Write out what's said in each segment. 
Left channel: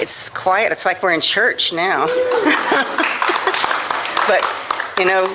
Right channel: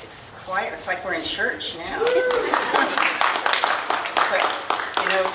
It's quiet. It's like we're in church now. But, you know,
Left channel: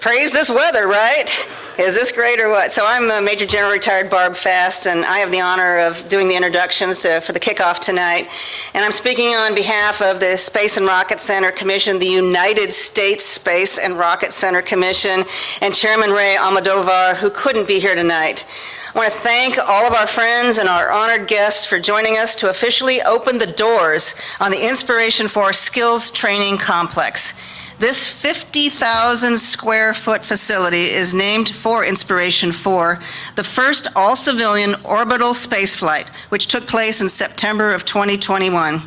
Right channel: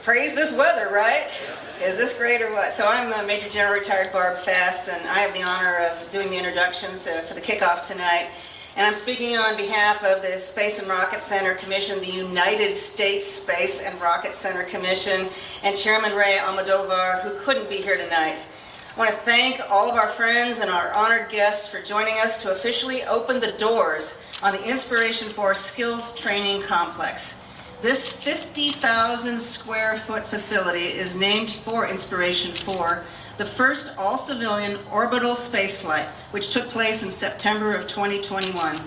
praise this weather, right? Is this great or what? So I'm Major General Retired Barb Fast, and I have the honor of doing the introductions for the kickoff tonight. And I'm speaking on behalf of the Space and Rocket Center Commission, the United States Space and Rocket Center Commission, and Chairman Ray Almodovar, who couldn't be here tonight. I want to thank all of our friends and our honored guests for joining us to officially open the doors on the Inspiration4 Skills Training Complex. This 50,000 square foot facility is named for Inspiration4, the first all-civilian orbital spaceflight, which took place in September of 2021.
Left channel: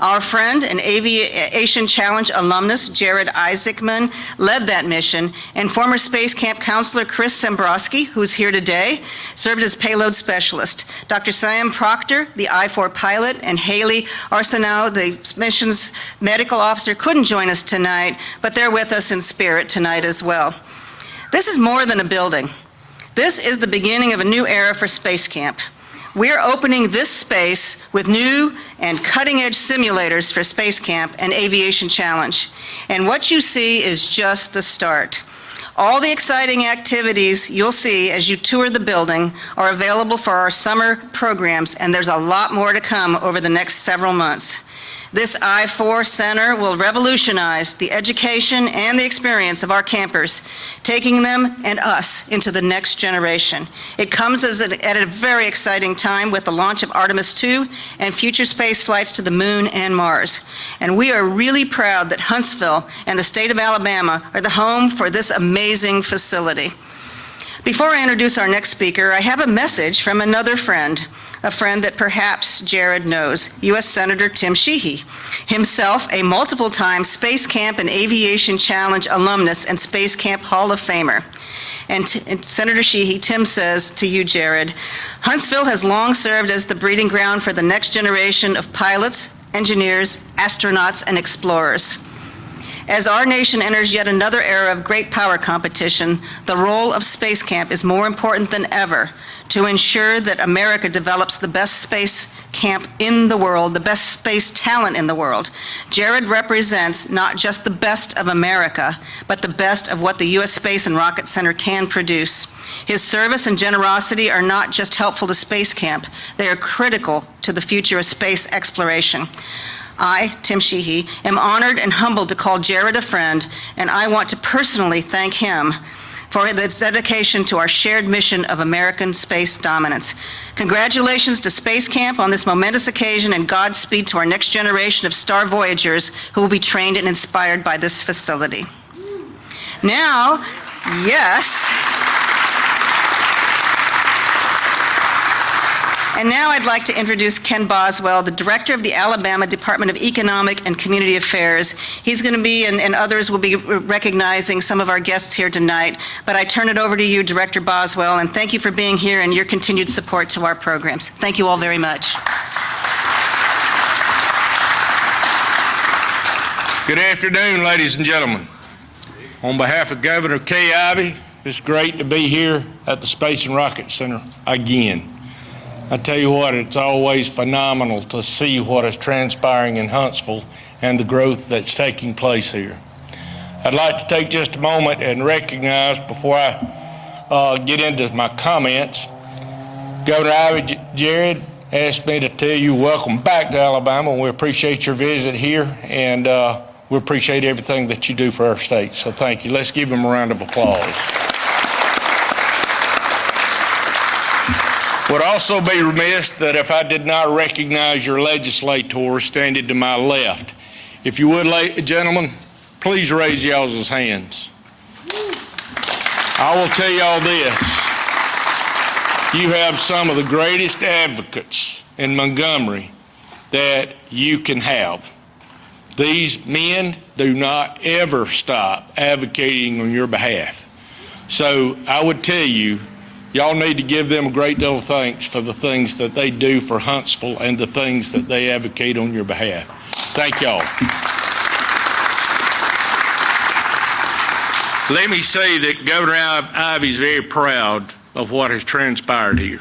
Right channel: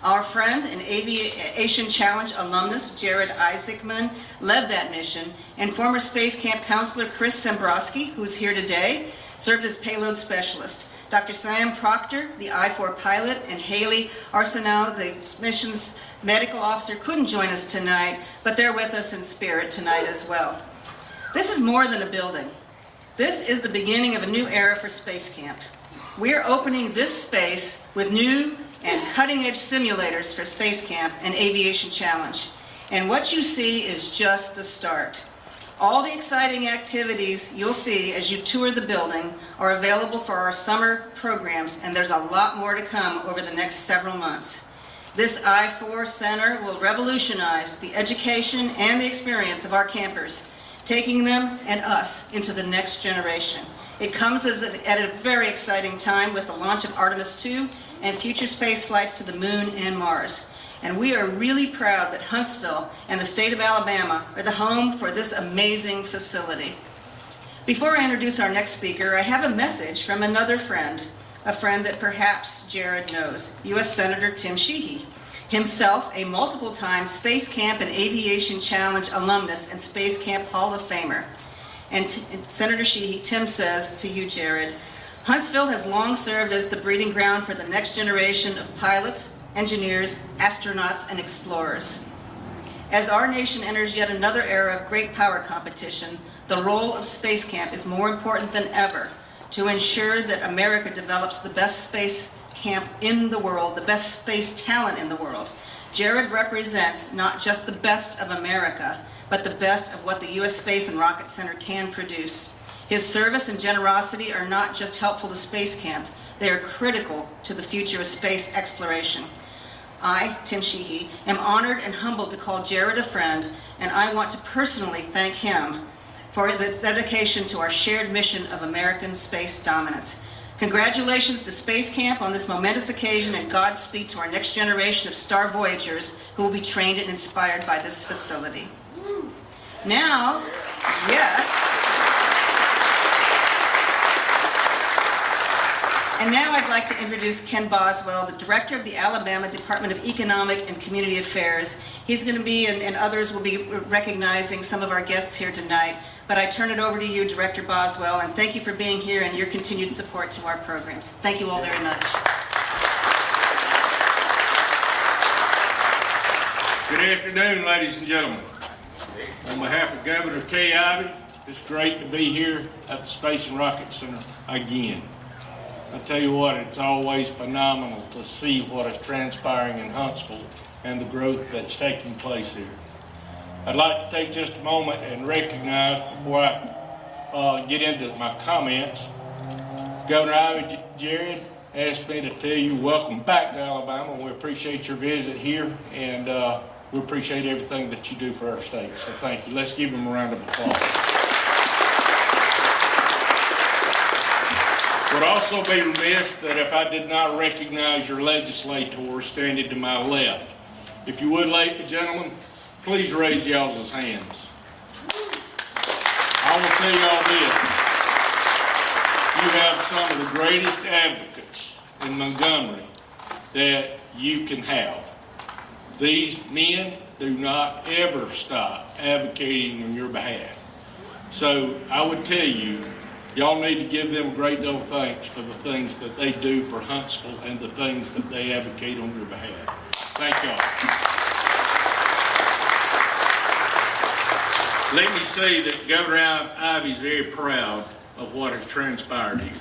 Our friend and Aviation Challenge alumnus, Jared Isaacman, led that mission, and former Space Camp counselor Chris Sembrowski, who's here today, served as payload specialist. Dr. Sam Proctor, the I-4 pilot, and Haley Arsenault, the mission's medical officer, couldn't join us tonight, but they're with us in spirit tonight as well. This is more than a building. This is the beginning of a new era for Space Camp. We're opening this space with new and cutting-edge simulators for Space Camp and Aviation Challenge. And what you see is just the start. All the exciting activities you'll see as you tour the building are available for our summer programs, and there's a lot more to come over the next several months. This I-4 Center will revolutionize the education and the experience of our campers, taking them and us into the next generation. It comes at a very exciting time with the launch of Artemis II and future space flights to the moon and Mars. And we are really proud that Huntsville and the state of Alabama are the home for this amazing facility. Before I introduce our next speaker, I have a message from another friend, a friend that perhaps Jared knows, U.S. Senator Tim Sheehy, himself a multiple-time Space Camp and Aviation Challenge alumnus and Space Camp Hall of Famer. And Senator Sheehy, Tim says to you, Jared, Huntsville has long served as the breeding ground for the next generation of pilots, engineers, astronauts, and explorers. As our nation enters yet another era of great power competition, the role of Space Camp is more important than ever to ensure that America develops the best space camp in the world, the best space talent in the world. Jared represents not just the best of America, but the best of what the U.S. Space and Rocket Center can produce. His service and generosity are not just helpful to Space Camp, they are critical to the future of space exploration. I, Tim Sheehy, am honored and humbled to call Jared a friend, and I want to personally thank him for his dedication to our shared mission of American space dominance. Congratulations to Space Camp on this momentous occasion, and Godspeed to our next generation of star voyagers who will be trained and inspired by this facility. Now, yes. And now I'd like to introduce Ken Boswell, the director of the Alabama Department of Economic and Community Affairs. He's going to be, and others will be recognizing some of our guests here tonight. But I turn it over to you, Director Boswell, and thank you for being here and your continued support to our programs. Thank you all very much. Good afternoon, ladies and gentlemen. On behalf of Governor Kay Ivey, it's great to be here at the Space and Rocket Center again. I tell you what, it's always phenomenal to see what is transpiring in Huntsville and the growth that's taking place here. I'd like to take just a moment and recognize, before I get into my comments, Governor Ivey Jared asked me to tell you welcome back to Alabama, and we appreciate your visit here, and we appreciate everything that you do for our state. So thank you. Let's give him a round of applause. Would also be remiss that if I did not recognize your legislators standing to my left. If you would, gentlemen, please raise y'all's hands. I will tell y'all this. You have some of the greatest advocates in Montgomery that you can have. These men do not ever stop advocating on your behalf. So I would tell you, y'all need to give them a great deal of thanks for the things that they do for Huntsville and the things that they advocate on your behalf. Thank y'all. Let me say that Governor Ivey is very proud of what has transpired here.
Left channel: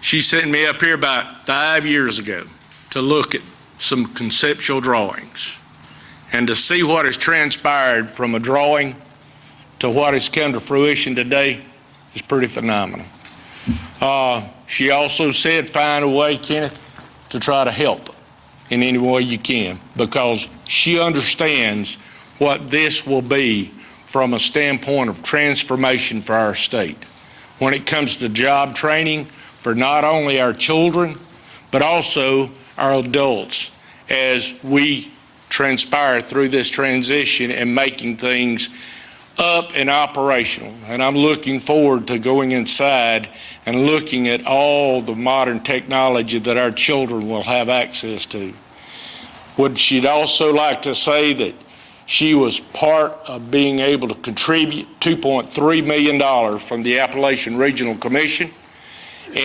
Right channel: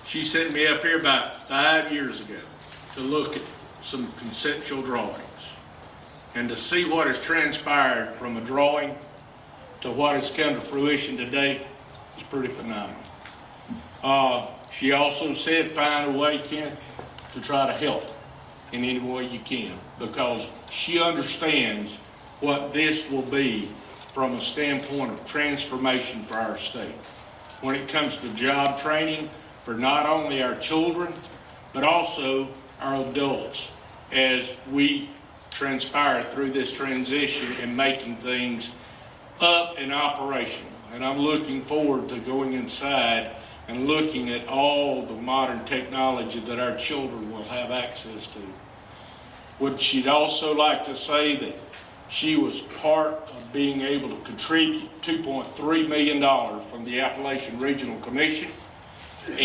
She sent me up here about 5 years ago to look at some conceptual drawings. And to see what has transpired from a drawing to what has come to fruition today is pretty phenomenal. She also said, find a way, Kenneth, to try to help in any way you can, because she understands what this will be from a standpoint of transformation for our state. When it comes to job training for not only our children, but also our adults as we transpire through this transition and making things up and operational. And I'm looking forward to going inside and looking at all the modern technology that our children will have access to. Would she'd also like to say that she was part of being able to contribute $2.3 million from the Appalachian Regional Commission,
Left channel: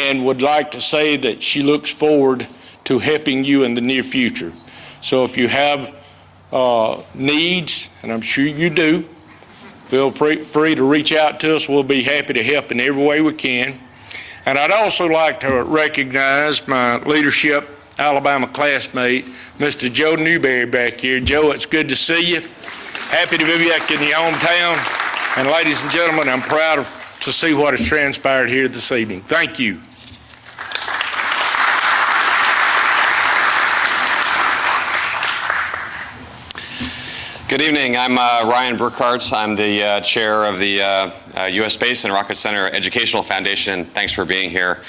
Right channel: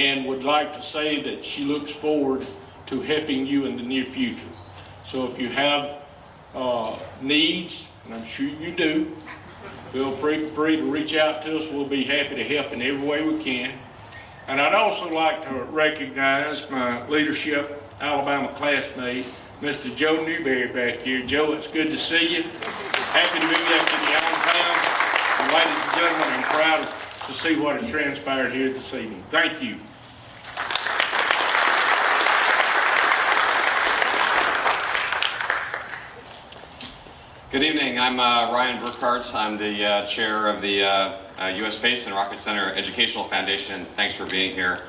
and would like to say that she looks forward to helping you in the near future. So if you have needs, and I'm sure you do, feel free to reach out to us. We'll be happy to help in every way we can. And I'd also like to recognize my leadership Alabama classmate, Mr. Joe Newberry back here. Joe, it's good to see you. Happy to be back in your hometown. And ladies and gentlemen, I'm proud to see what has transpired here this evening. Thank you. Good evening. I'm Ryan Burkhardt. I'm the chair of the U.S. Space and Rocket Center Educational Foundation. Thanks for being here.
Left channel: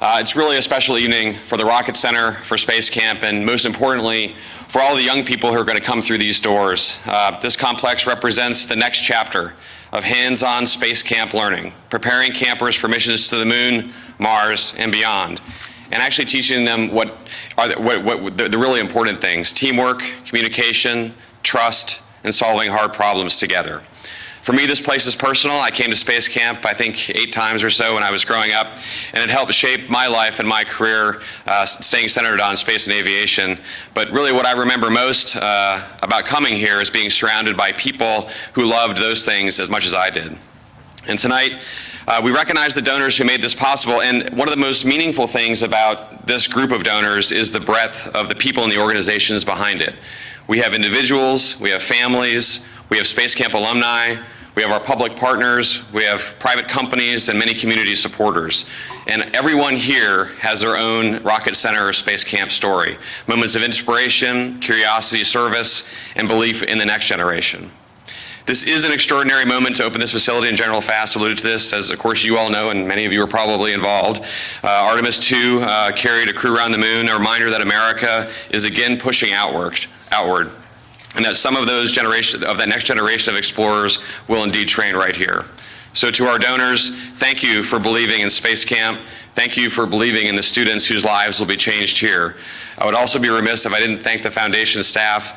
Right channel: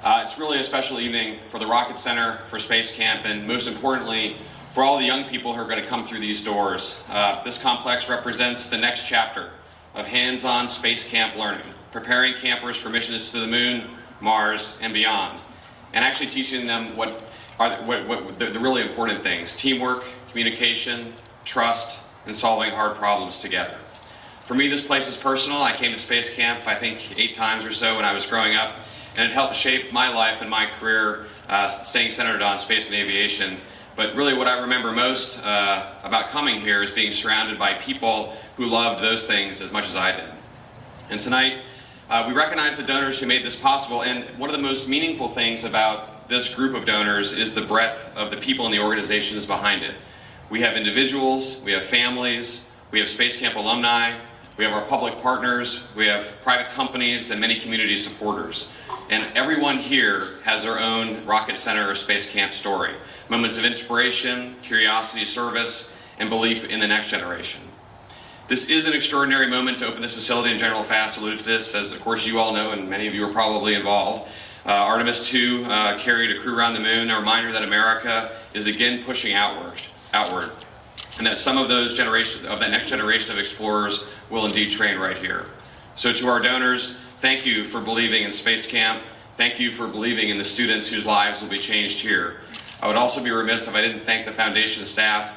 It's really a special evening for the Rocket Center, for Space Camp, and most importantly, for all the young people who are going to come through these doors. This complex represents the next chapter of hands-on space camp learning, preparing campers for missions to the moon, Mars, and beyond, and actually teaching them what are the really important things: teamwork, communication, trust, and solving hard problems together. For me, this place is personal. I came to Space Camp, I think, 8 times or so when I was growing up, and it helped shape my life and my career, staying centered on space and aviation. But really what I remember most about coming here is being surrounded by people who loved those things as much as I did. And tonight, we recognize the donors who made this possible, and one of the most meaningful things about this group of donors is the breadth of the people and the organizations behind it. We have individuals, we have families, we have Space Camp alumni, we have our public partners, we have private companies, and many community supporters. And everyone here has their own Rocket Center or Space Camp story. Moments of inspiration, curiosity, service, and belief in the next generation. This is an extraordinary moment to open this facility, and General Fass alluded to this, as of course you all know, and many of you are probably involved. Artemis II carried a crew around the moon, a reminder that America is again pushing outward, and that some of those that next generation of explorers will indeed train right here. So to our donors, thank you for believing in Space Camp. Thank you for believing in the students whose lives will be changed here. I would also be remiss if I didn't thank the foundation staff,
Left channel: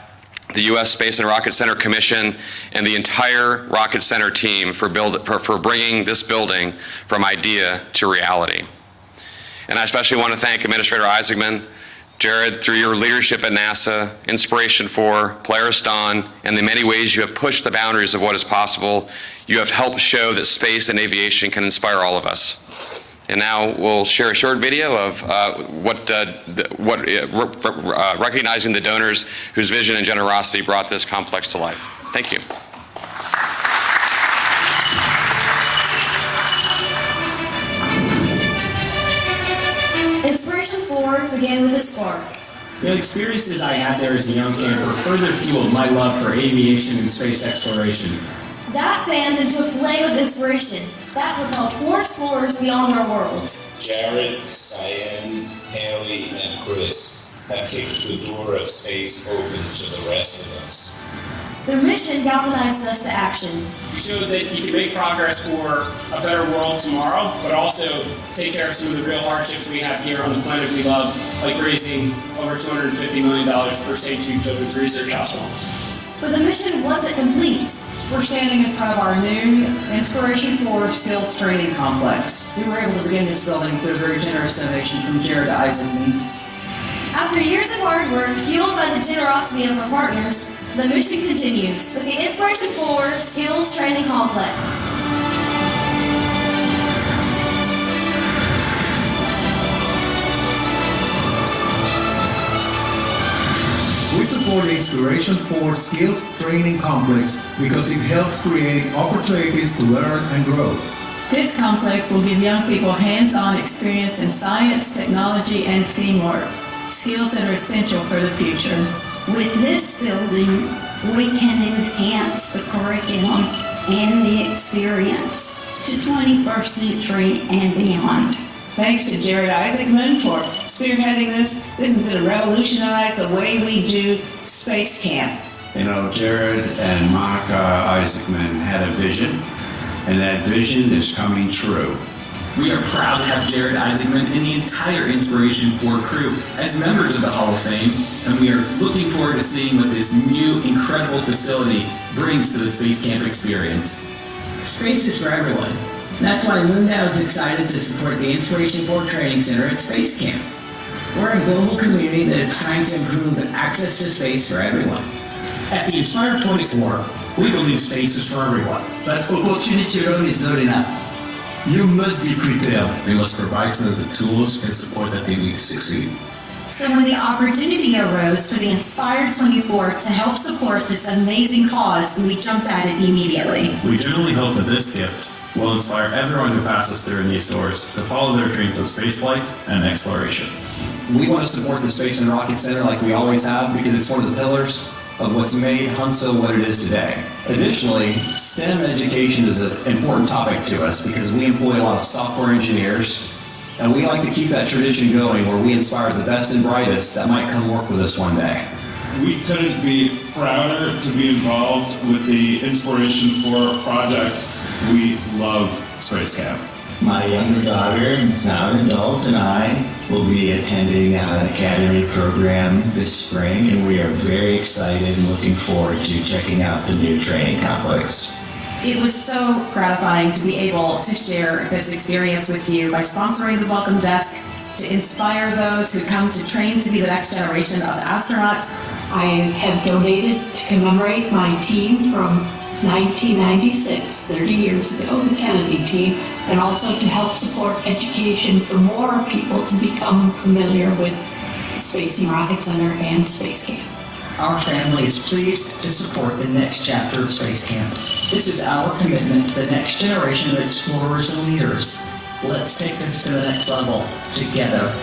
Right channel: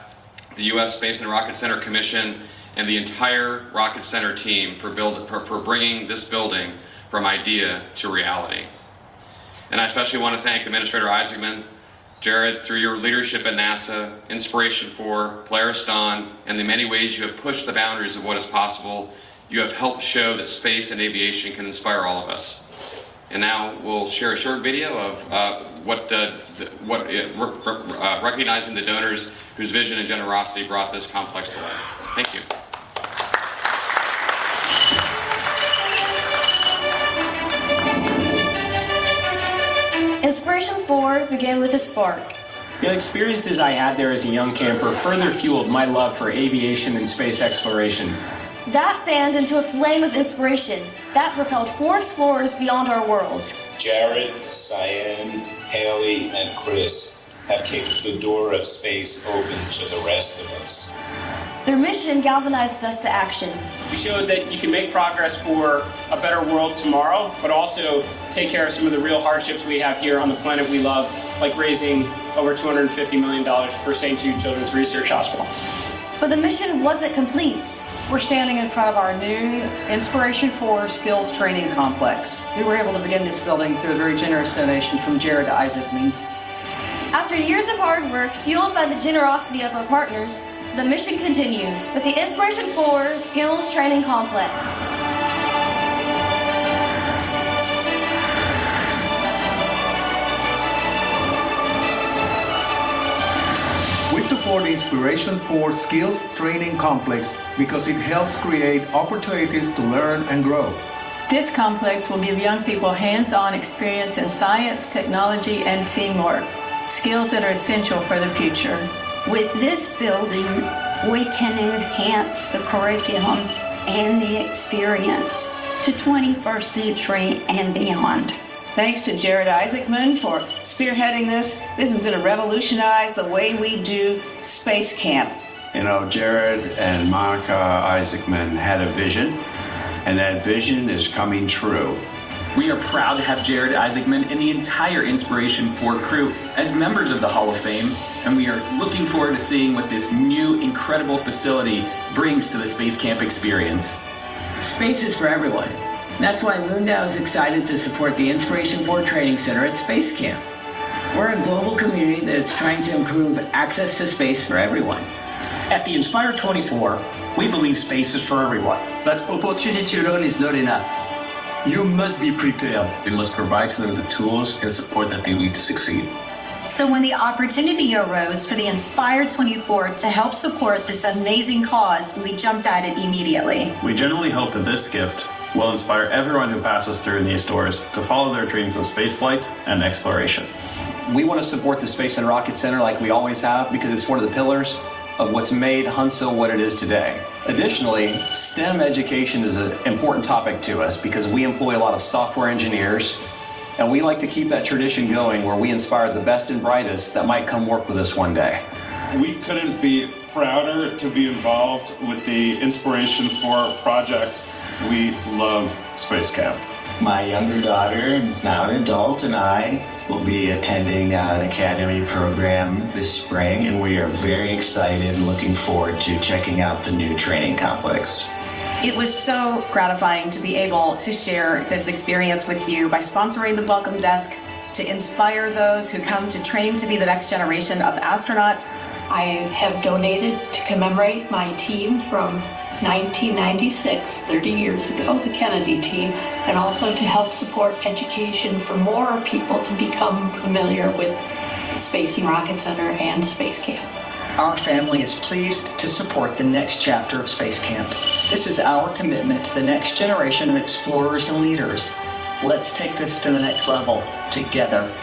the U.S. Space and Rocket Center Commission, and the entire Rocket Center team for bringing this building from idea to reality. And I especially want to thank Administrator Isaacman, Jared, through your leadership at NASA, Inspiration4, Polaris Dawn, and the many ways you have pushed the boundaries of what is possible. You have helped show that space and aviation can inspire all of us. And now we'll share a short video of recognizing the donors whose vision and generosity brought this complex to life. Thank you. Inspiration4 began with a spark. The experiences I had there as a young camper further fueled my love for aviation and space exploration. That fanned into a flame of inspiration that propelled 4 explorers beyond our worlds. Jared, Cyan, Haley, and Chris have kicked the door of space open to the rest of us. Their mission galvanized us to action. We showed that you can make progress for a better world tomorrow, but also take care of some of the real hardships we have here on the planet we love, like raising over $250 million for St. Jude Children's Research Hospital. But the mission wasn't complete. We're standing in front of our new Inspiration4 Skills Training Complex. We were able to begin this building through a very generous donation from Jared Isaacman. After years of hard work, fueled by the generosity of our partners, the mission continues with the Inspiration4 Skills Training Complex. support the Inspiration4 Skills Training Complex because it helps create opportunities to learn and grow. This complex will give young people hands-on experience in science, technology, and teamwork, skills that are essential for the future. With this building, we can enhance the curriculum and the experience to 21st century and beyond. Thanks to Jared Isaacman for spearheading this. This is going to revolutionize the way we do space camp. You know, Jared and Monica Isaacman had a vision, and that vision is coming true. We are proud to have Jared Isaacman and the entire Inspiration4 crew as members of the Hall of Fame, and we are looking forward to seeing what this new, incredible facility brings to the space camp experience. Space is for everyone. That's why Lindau is excited to support the Inspiration4 Training Center at Space Camp. We're a global community that is trying to improve access to space for everyone. At the Inspire24, we believe space is for everyone. But opportunity alone is not enough. You must be prepared. We must provide them the tools and support that they need to succeed. So when the opportunity arose for the Inspire24 to help support this amazing cause, we jumped at it immediately. We genuinely hope that this gift will inspire everyone who passes through these doors to follow their dreams of spaceflight and exploration. We want to support the Space and Rocket Center like we always have because it's one of the pillars of what's made Huntsville what it is today. Additionally, STEM education is an important topic to us because we employ a lot of software engineers, and we like to keep that tradition going where we inspire the best and brightest that might come work with us one day. We couldn't be prouder to be involved with the Inspiration4 project. We love Space Camp. My younger daughter, now an adult, and I will be attending an academy program this spring, and we are very excited and looking forward to checking out the new training complex. It was so gratifying to be able to share this experience with you by sponsoring the Welcome Desk to inspire those who come to train to be the next generation of astronauts. I have donated to commemorate my team from 1996, 30 years ago, the Kennedy team, and also to help support education for more people to become familiar with the Space and Rocket Center and Space Camp. Our family is pleased to support the next chapter of Space Camp. This is our commitment to the next generation of explorers and leaders. Let's take this to the next level together.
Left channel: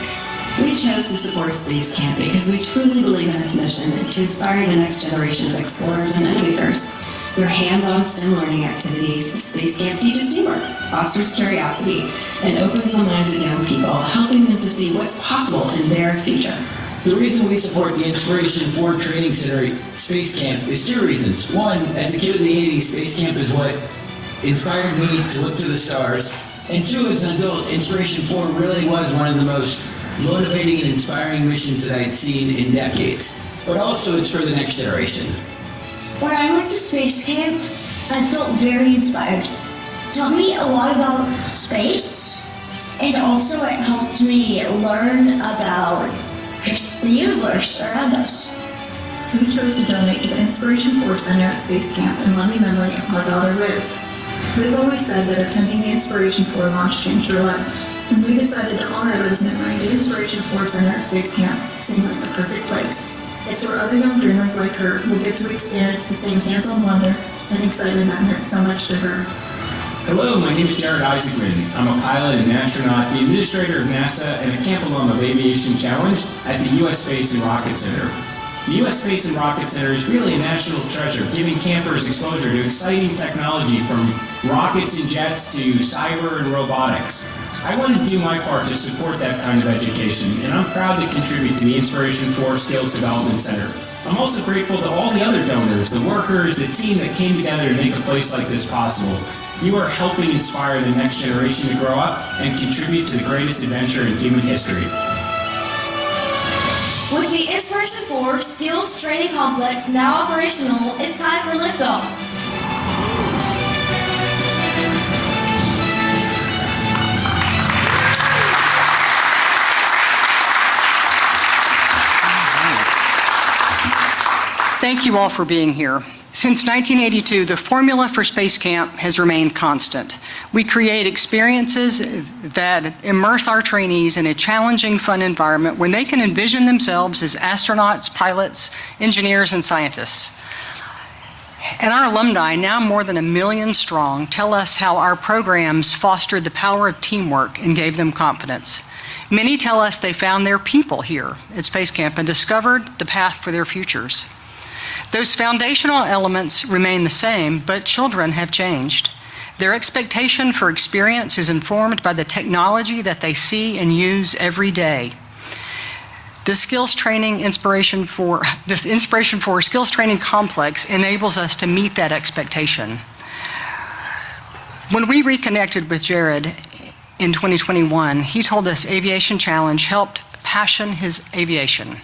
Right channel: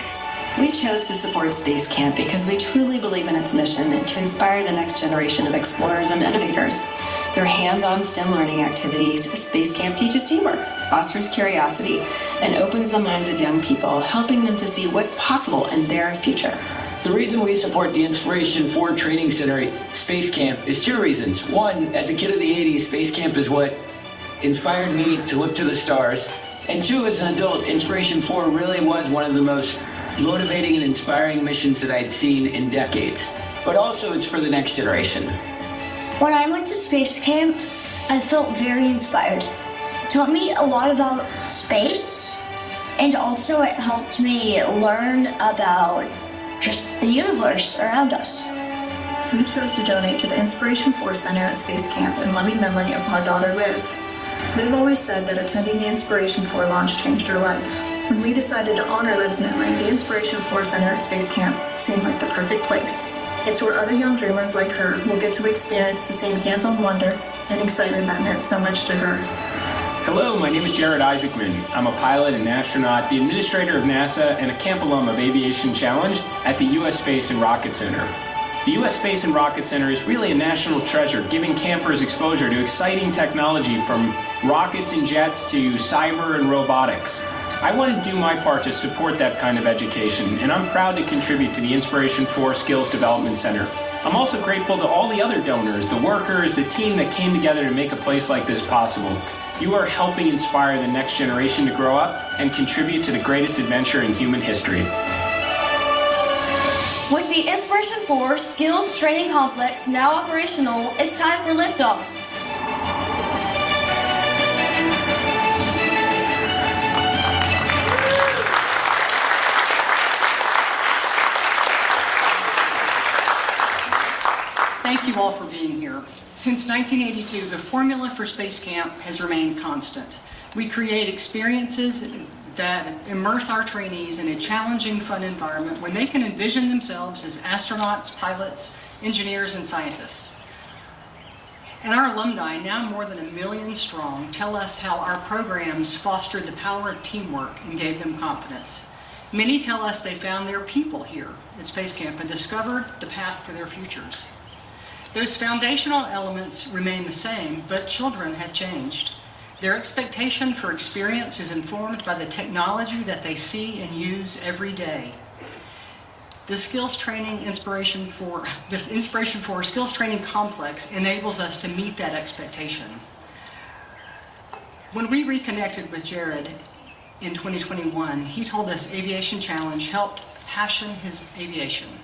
We chose to support Space Camp because we truly believe in its mission to inspire the next generation of explorers and innovators. Through hands-on STEM learning activities, Space Camp teaches teamwork, fosters curiosity, and opens the minds of young people, helping them to see what's possible in their future. The reason we support the Inspiration4 Training Center at Space Camp is two reasons. One, as a kid of the 80s, Space Camp is what inspired me to look to the stars. And two, as an adult, Inspiration4 really was one of the most motivating and inspiring missions that I'd seen in decades. But also it's for the next generation. When I went to Space Camp, I felt very inspired. It taught me a lot about space, and also it helped me learn about just the universe around us. We chose to donate to the Inspiration4 Center at Space Camp in loving memory of our daughter Liv. We've always said that attending the Inspiration4 launch changed her life. When we decided to honor Liv's memory, the Inspiration4 Center at Space Camp seemed like the perfect place. It's where other young dreamers like her will get to experience the same hands-on wonder and excitement that meant so much to her. Hello, my name is Jared Isaacman. I'm a pilot and astronaut, the administrator of NASA, and a camp alum of Aviation Challenge at the U.S. Space and Rocket Center. The U.S. Space and Rocket Center is really a national treasure, giving campers exposure to exciting technology from rockets and jets to cyber and robotics. I want to do my part to support that kind of education, and I'm proud to contribute to the Inspiration4 Skills Development Center. I'm also grateful to all the other donors, the workers, the team that came together to make a place like this possible. You are helping inspire the next generation to grow up and contribute to the greatest adventure in human history. With the Inspiration4 Skills Training Complex now operational, it's time for liftoff. Thank you all for being here. Since 1982, the formula for Space Camp has remained constant. We create experiences that immerse our trainees in a challenging, fun environment where they can envision themselves as astronauts, pilots, engineers, and scientists. And our alumni, now more than 1 million strong, tell us how our programs fostered the power of teamwork and gave them confidence. Many tell us they found their people here at Space Camp and discovered the path for their futures. Those foundational elements remain the same, but children have changed. Their expectation for experience is informed by the technology that they see and use every day. This Inspiration4 Skills Training Complex enables us to meet that expectation. When we reconnected with Jared in 2021, he told us Aviation Challenge helped passion his aviation.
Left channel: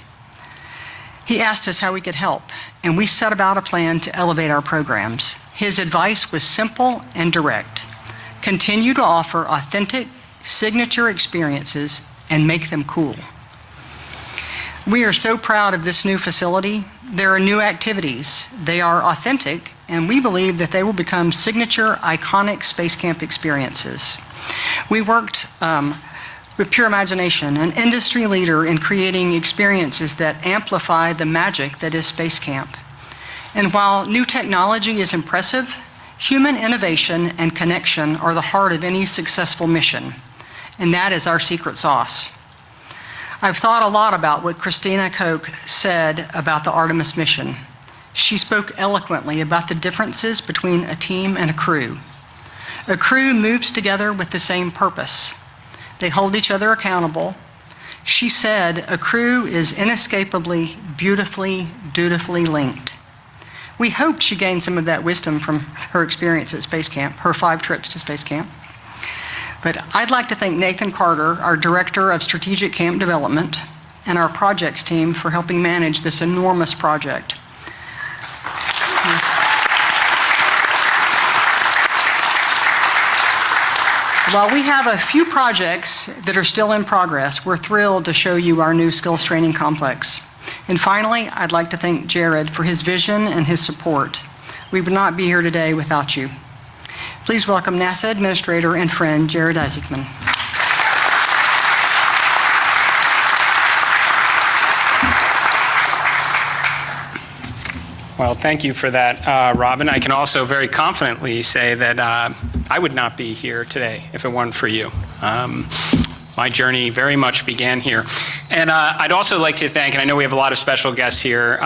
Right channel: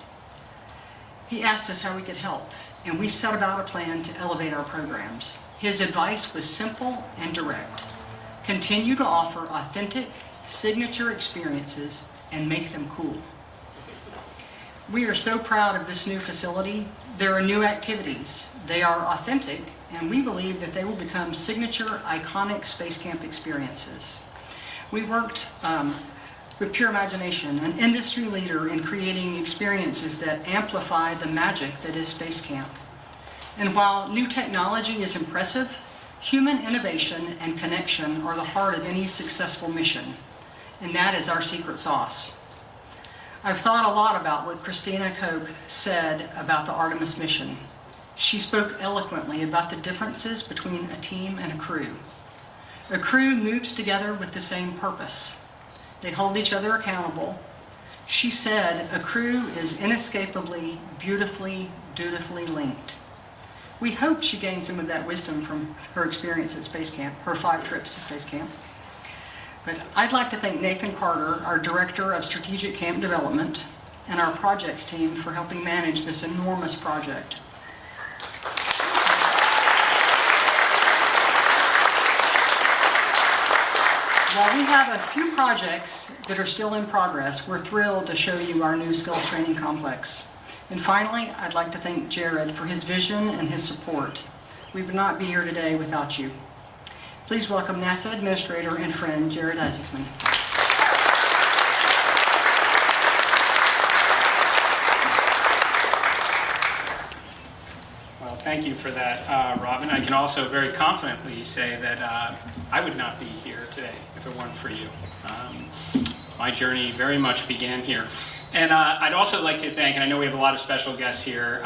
He asked us how we could help, and we set about a plan to elevate our programs. His advice was simple and direct. Continue to offer authentic, signature experiences and make them cool. We are so proud of this new facility. There are new activities. They are authentic, and we believe that they will become signature, iconic Space Camp experiences. We worked with Pure Imagination, an industry leader in creating experiences that amplify the magic that is Space Camp. And while new technology is impressive, human innovation and connection are the heart of any successful mission, and that is our secret sauce. I've thought a lot about what Christina Koch said about the Artemis mission. She spoke eloquently about the differences between a team and a crew. A crew moves together with the same purpose. They hold each other accountable. She said a crew is inescapably, beautifully, dutifully linked. We hoped she gained some of that wisdom from her experience at Space Camp, her 5 trips to Space Camp. But I'd like to thank Nathan Carter, our Director of Strategic Camp Development, and our projects team for helping manage this enormous project. Yes. While we have a few projects that are still in progress, we're thrilled to show you our new skills training complex. And finally, I'd like to thank Jared for his vision and his support. We would not be here today without you. Please welcome NASA Administrator and friend, Jared Isaacman. Well, thank you for that, Robin. I can also very confidently say that I would not be here today if it weren't for you. My journey very much began here. And I'd also like to thank, and I know we have a lot of special guests here,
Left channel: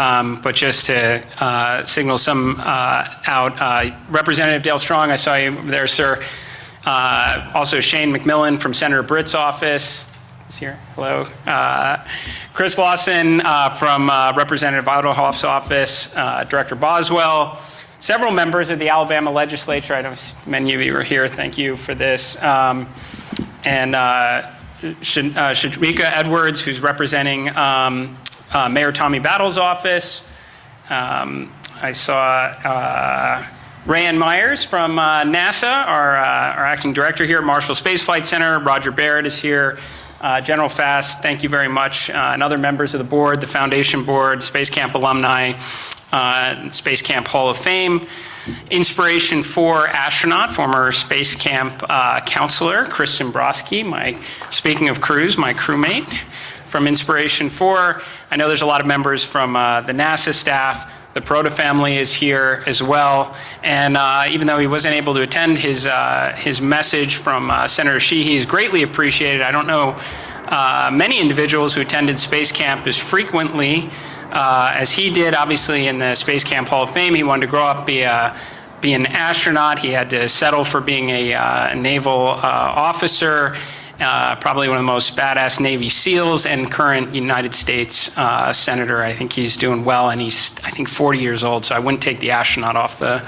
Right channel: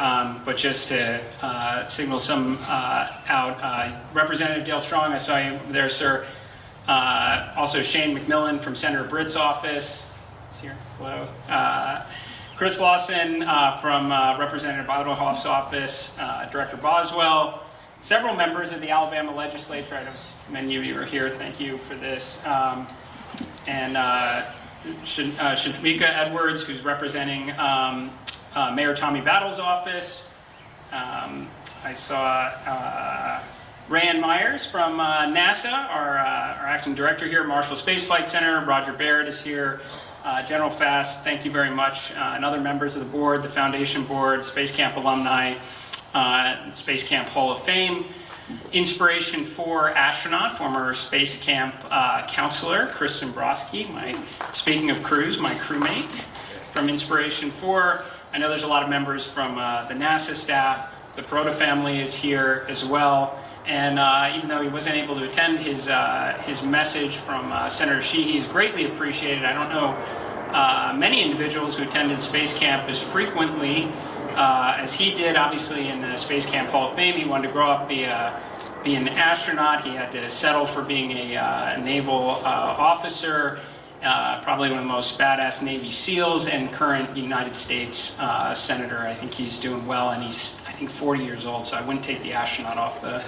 but just to signal some out, Representative Dale Strong, I saw you there, sir. Also Shane McMillan from Senator Britt's office is here. Hello. Chris Lawson from Representative Ottohoff's office, Director Boswell, several members of the Alabama legislature. I know many of you are here. Thank you for this. And Shadrika Edwards, who's representing Mayor Tommy Battle's office. I saw Rayanne Myers from NASA, our acting director here at Marshall Space Flight Center. Roger Barrett is here. General Fast, thank you very much. And other members of the board, the Foundation Board, Space Camp alumni, Space Camp Hall of Fame. Inspiration4 astronaut, former Space Camp counselor, Chris Zimbrowski, speaking of crews, my crewmate from Inspiration4. I know there's a lot of members from the NASA staff. The Proto family is here as well. And even though he wasn't able to attend, his message from Senator Sheehy is greatly appreciated. I don't know many individuals who attended Space Camp as frequently as he did. Obviously in the Space Camp Hall of Fame, he wanted to grow up, be an astronaut. He had to settle for being a naval officer, probably one of the most badass Navy SEALs and current United States senator. I think he's doing well, and he's, I think, 40 years old, so I wouldn't take the astronaut off the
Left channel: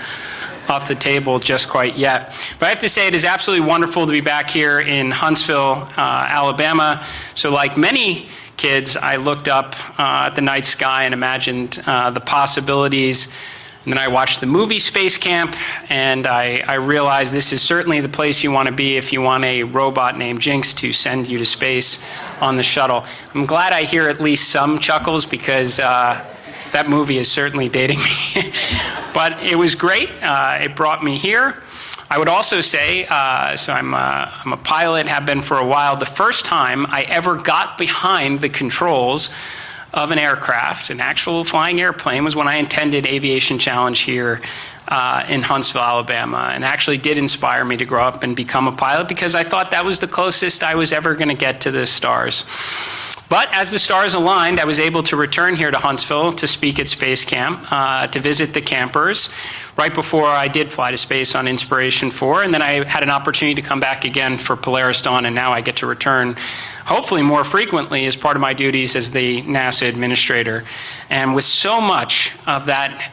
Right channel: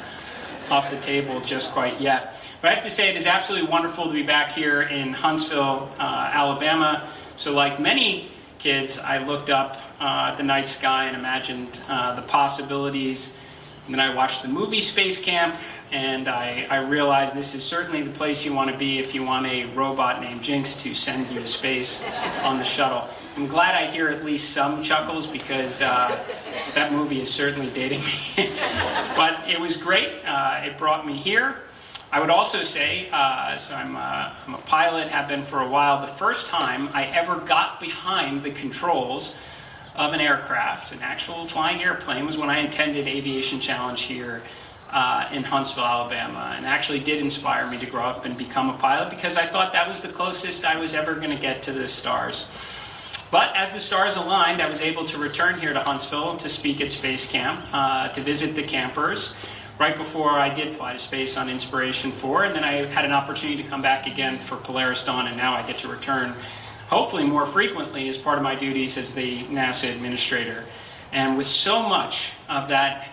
table just quite yet. But I have to say it is absolutely wonderful to be back here in Huntsville, Alabama. So like many kids, I looked up at the night sky and imagined the possibilities. And then I watched the movie Space Camp, and I realized this is certainly the place you want to be if you want a robot named Jinx to send you to space on the shuttle. I'm glad I hear at least some chuckles, because that movie is certainly dating me. But it was great. It brought me here. I would also say, so I'm a pilot, have been for a while. The first time I ever got behind the controls of an aircraft, an actual flying airplane, was when I attended Aviation Challenge here in Huntsville, Alabama, and actually did inspire me to grow up and become a pilot, because I thought that was the closest I was ever going to get to the stars. But as the stars aligned, I was able to return here to Huntsville to speak at Space Camp, to visit the campers, right before I did fly to space on Inspiration4, and then I had an opportunity to come back again for Polaris Dawn, and now I get to return hopefully more frequently as part of my duties as the NASA administrator. And with so much of that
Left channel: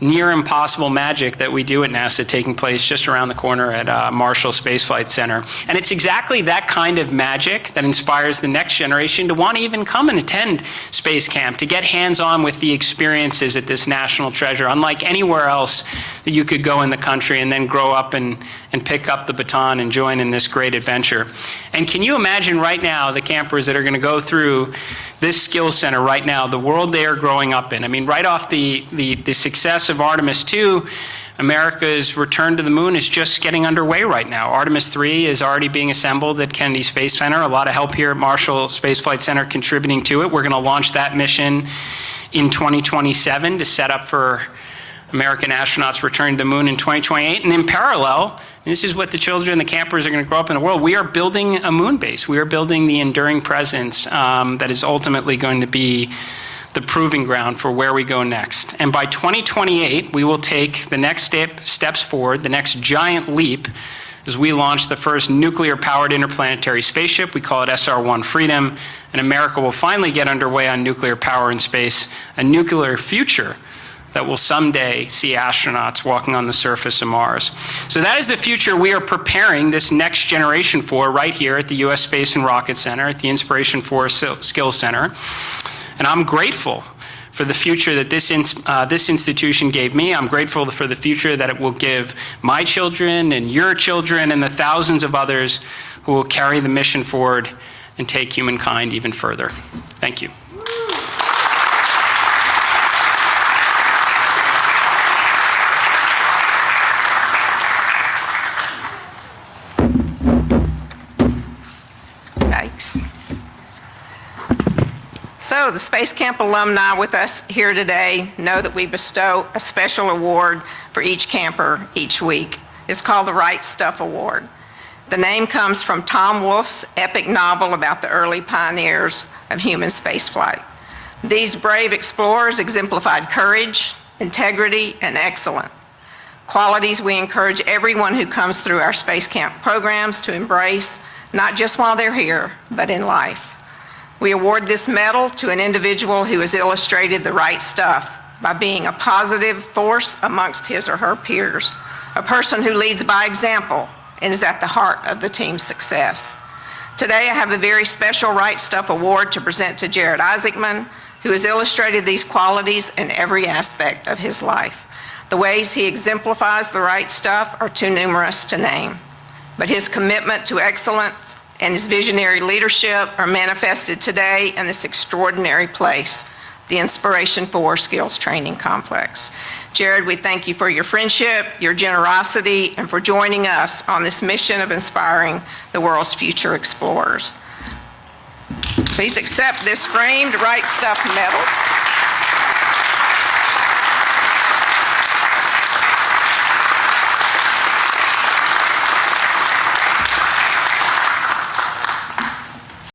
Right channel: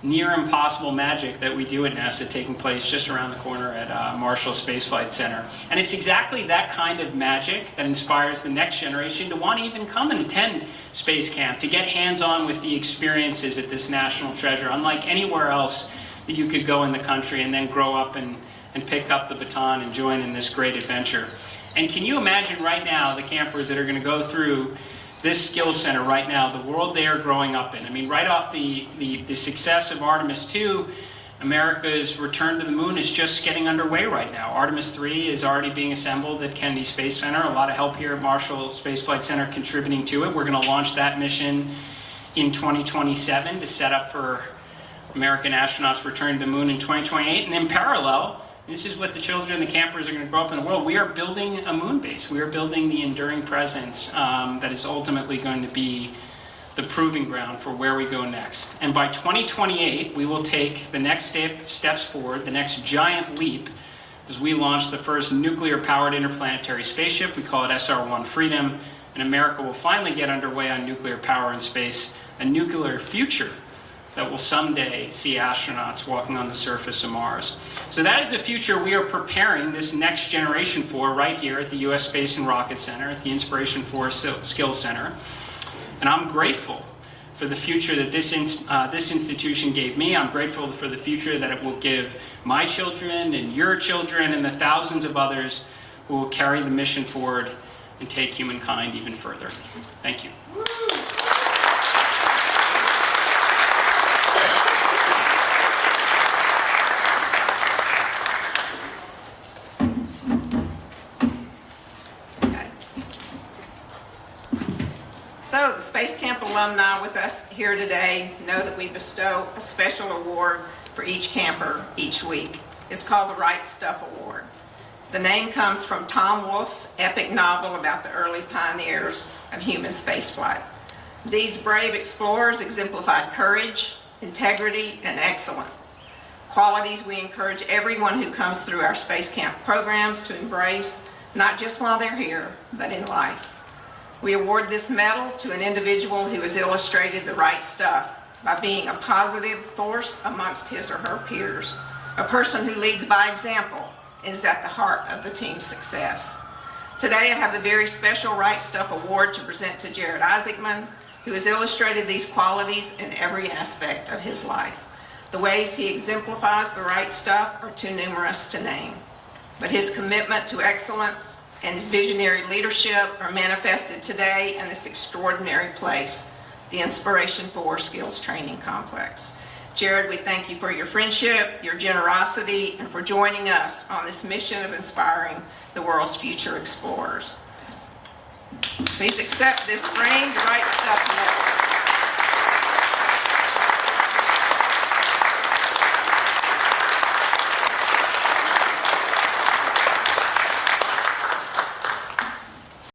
near impossible magic that we do at NASA taking place just around the corner at Marshall Space Flight Center. And it's exactly that kind of magic that inspires the next generation to want to even come and attend Space Camp, to get hands-on with the experiences at this national treasure, unlike anywhere else that you could go in the country and then grow up and pick up the baton and join in this great adventure. And can you imagine right now the campers that are going to go through this skill center right now, the world they are growing up in? I mean, right off the success of Artemis 2, America's return to the moon is just getting underway right now. Artemis 3 is already being assembled at Kennedy Space Center. A lot of help here at Marshall Space Flight Center contributing to it. We're going to launch that mission in 2027 to set up for American astronauts returning to the moon in 2028. And in parallel, this is what the children and the campers are going to grow up in the world. We are building a moon base. We are building the enduring presence that is ultimately going to be the proving ground for where we go next. And by 2028, we will take the next steps forward, the next giant leap, as we launch the first nuclear-powered interplanetary spaceship. We call it SR-1 Freedom. And America will finally get underway on nuclear power in space, a nuclear future that will someday see astronauts walking on the surface of Mars. So that is the future we are preparing this next generation for right here at the U.S. Space and Rocket Center, at the Inspiration4 Skills Center. And I'm grateful for the future that this institution gave me. I'm grateful for the future that it will give my children and your children and the thousands of others who will carry the mission forward and take humankind even further. Thank you. So the Space Camp alumni with us here today know that we bestow a special award for each camper each week. It's called the Right Stuff Award. The name comes from Tom Wolfe's epic novel about the early pioneers of human spaceflight. These brave explorers exemplified courage, integrity, and excellence. Qualities we encourage everyone who comes through our Space Camp programs to embrace, not just while they're here, but in life. We award this medal to an individual who has illustrated the right stuff by being a positive force amongst his or her peers, a person who leads by example and is at the heart of the team's success. Today, I have a very special Right Stuff Award to present to Jared Isaacman, who has illustrated these qualities in every aspect of his life. The ways he exemplifies the right stuff are too numerous to name, but his commitment to excellence and his visionary leadership are manifested today in this extraordinary place, the Inspiration4 Skills Training Complex. Jared, we thank you for your friendship, your generosity, and for joining us on this mission of inspiring the world's future explorers. Please accept this framed Right Stuff medal.